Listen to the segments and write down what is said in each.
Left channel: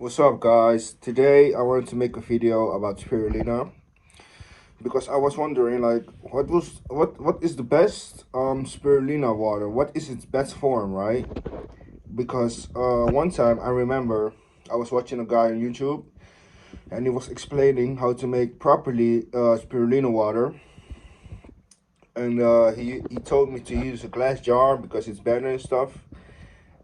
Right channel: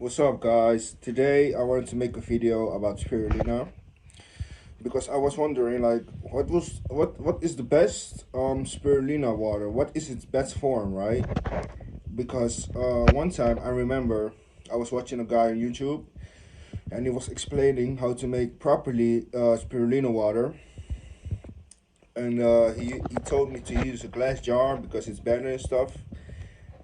What's up, guys? Today I wanted to make a video about spirulina because I was wondering, like, what is the best spirulina water? What is its best form, right? Because one time I remember I was watching a guy on YouTube and he was explaining how to make properly spirulina water, and he told me to use a glass jar because it's better and stuff.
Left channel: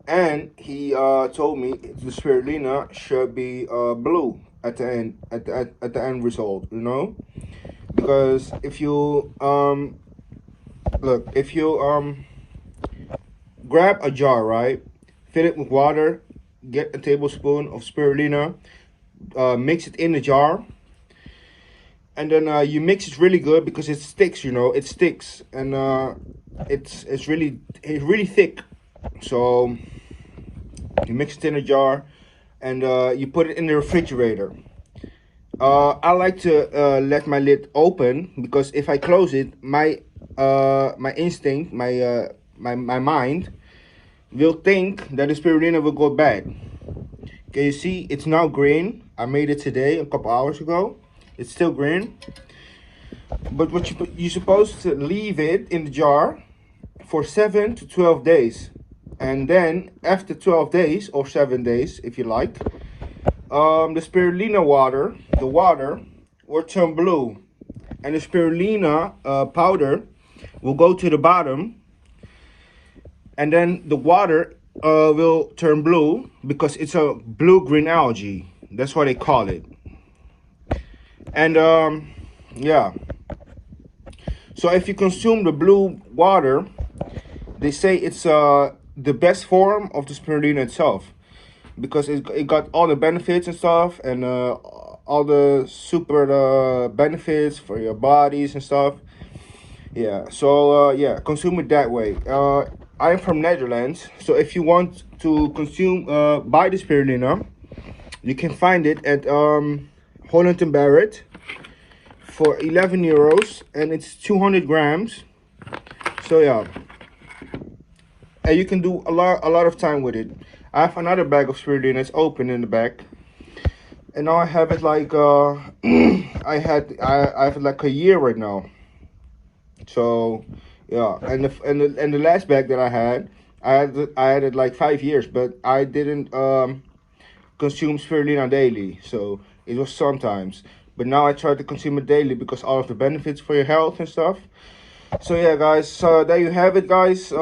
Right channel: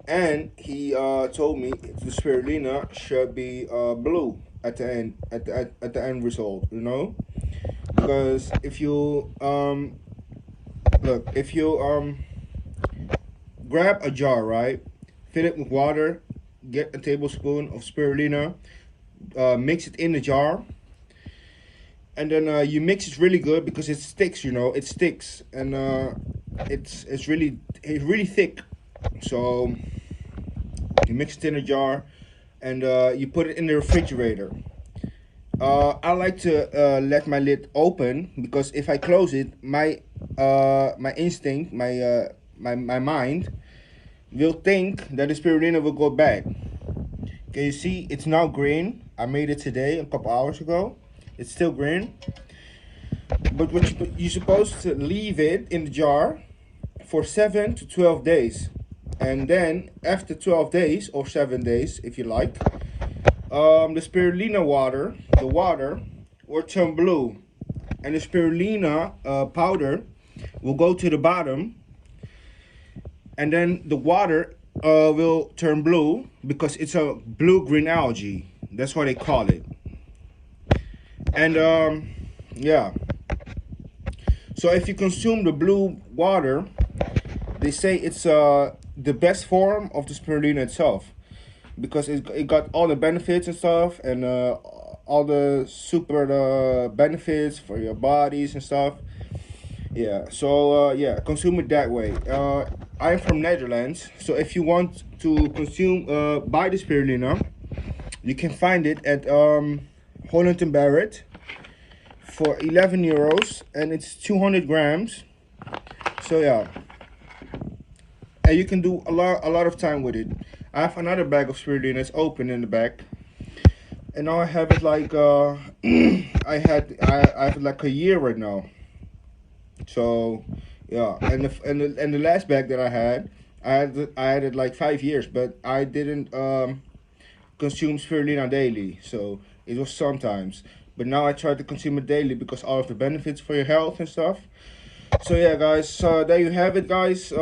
And he told me the spirulina should be blue at the end, at the end result, because if you look, if you grab a jar, right, fill it with water, get a tablespoon of spirulina, mix it in the jar, and then you mix it really good because it sticks, it sticks, and it's really thick. So you mix it in a jar and you put it in the refrigerator. I like to let my lid open because if I close it, my instinct, my mind will think that the spirulina will go bad. Can you see? It's now green. I made it today, a couple hours ago. It's still green. But you're supposed to leave it in the jar for 7 to 12 days. And then after 12 days or 7 days, if you like, the spirulina water, the water will turn blue, and the spirulina powder will go to the bottom, and then the water will turn blue because it's a blue-green algae. That's what they call it. And yeah, so if you consume the blue water, they say it's the best form of the spirulina itself, because it got all the benefits and stuff, and all the super benefits for your bodies and stuff. Yeah, so yeah, consume it that way. I'm from Netherlands, so if you want to consume buy the spirulina, you can find it at Holland & Barrett for 11 euros, and it's 200 grams. So yeah, and you can do a lot of time with it. I have another bag of spirulina. It's open in the back, and now I have it like I have it like a year right now. So yeah, and the last bag that I had it like 5 years, but I didn't consume spirulina daily, so it was sometimes. But now I try to consume it daily because all of the benefits for your health and stuff. So yeah, guys, so there you have it, guys.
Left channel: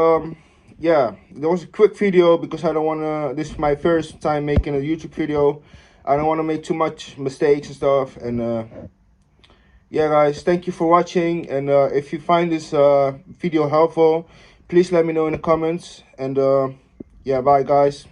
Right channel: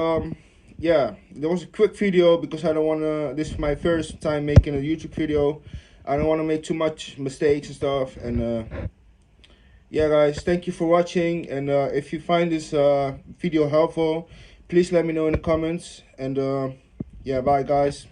Yeah, there was a quick video because I don't want to, this is my first time making a YouTube video. I don't want to make too much mistakes and stuff. And yeah, guys, thank you for watching. And if you find this video helpful, please let me know in the comments. And yeah, bye, guys.